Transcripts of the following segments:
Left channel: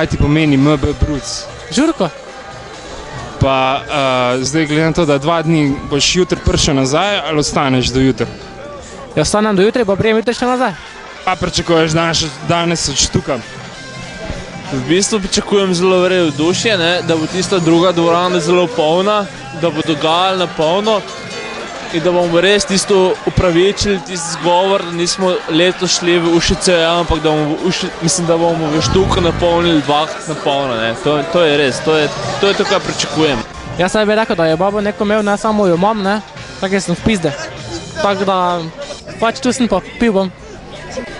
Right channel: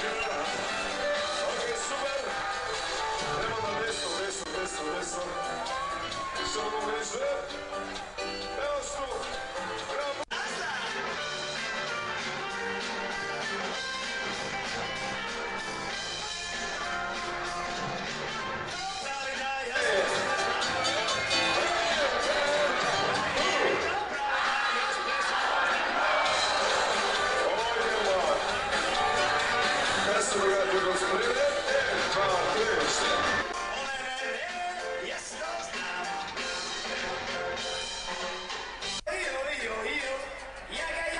kaj ti pomeni MB Bruc? Žurko. Pa zdaj glede na to, da 2 dni boš jutri prišel nazaj ali ostaneš do jutra? Ja, ostanem do jutra, pa prijem jutri še nazaj. Pa pričakuješ danes od štuka? V bistvu pričakujem zelo vzdušje, da bo tista druga dvorana zelo polna, da bo dogajalo na polno in da bomo res tisto upravičili, tisti zgovor, da nismo letos šli v Ušice, ampak da bomo v Štuku napolnili 2-krat na polno. To je res, to je to, kar pričakujem. Jaz bi rekel, da je babo neko imel, ne samo jo imam, tako sem v pizde. Tako da pač tu sem pa pil bom.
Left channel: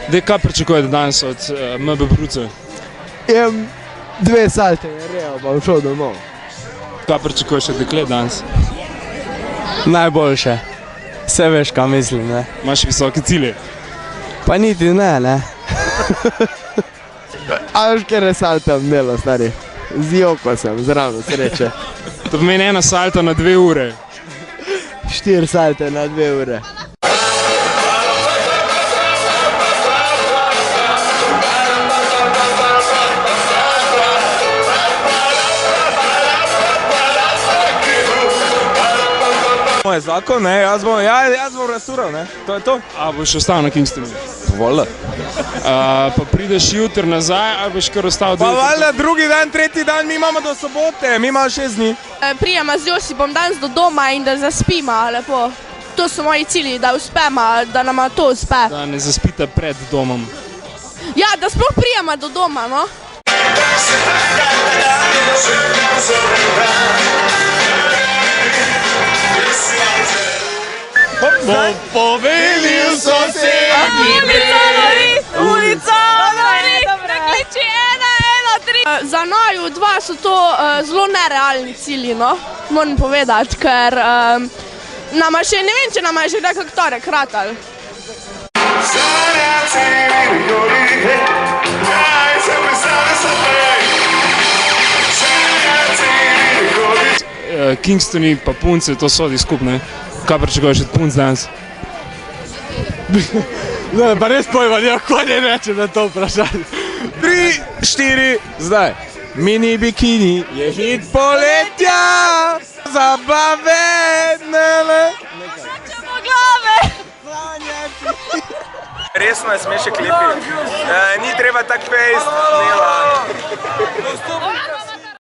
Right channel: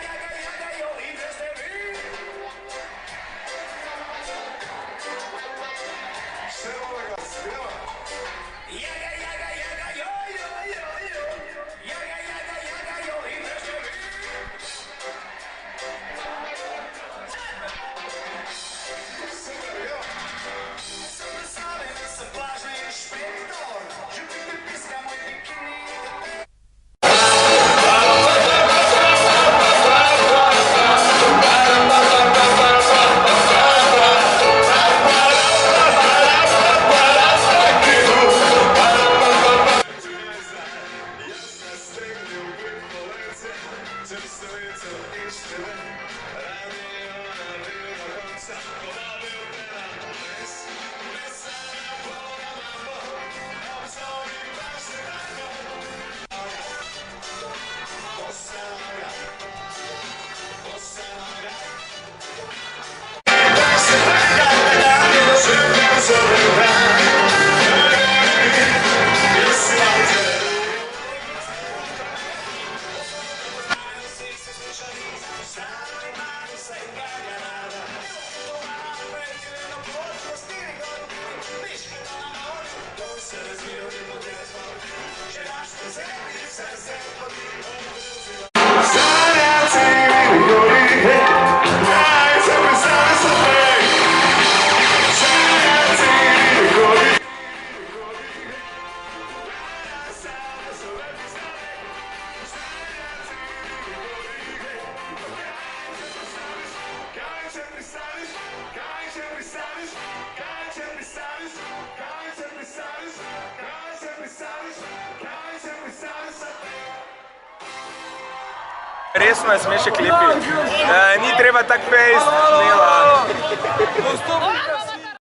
Dej, kaj pričakujete danes od MB Brucev? Jem 2 salte, pa šel domov. Kaj pričakuješ od deklet danes? Najboljše. Vse veš, kaj mislim, ne. Imaš visoke cilje? Pa niti ne. A veš, kjer je salta imelo, stari? Zjoko sem, zravno sreče. To pomeni 1 salta na 2 ure. 4 salte na 2 ure. Moj zakon, jaz bom rastaural, to je to. A boš ostal na Kingstonu? Voljda. Pa prideš jutri nazaj, ali boš kar ostal do jutra? Pa valjda, drugi dan, tretji dan, mi imamo do sobote, mi imamo 6 dni. Prijema z Josipom danes do doma in da zaspima lepo. To so moji cilji, da uspema, da nama to uspe. Da ne zaspite pred domom. Ja, da sploh prijema do doma, no. Bom povelil sosednji Ulica Nori, prekliči 113. Za naju 2 so to zelo nerealni cilji, no, moram povedati, ker nama še, ne vem, če nama je že nekak torek ratal. Kingstoni pa punce, to sodi skupno. Kaj pričakuješ od punc danes? Ne, pa res pojma, kako ne reče na to vprašanje. 3, 4, zdaj. Mini bikini je hit poletja, zabave, nele. Resno je smeše klipi, ni treba tak fejst, nela.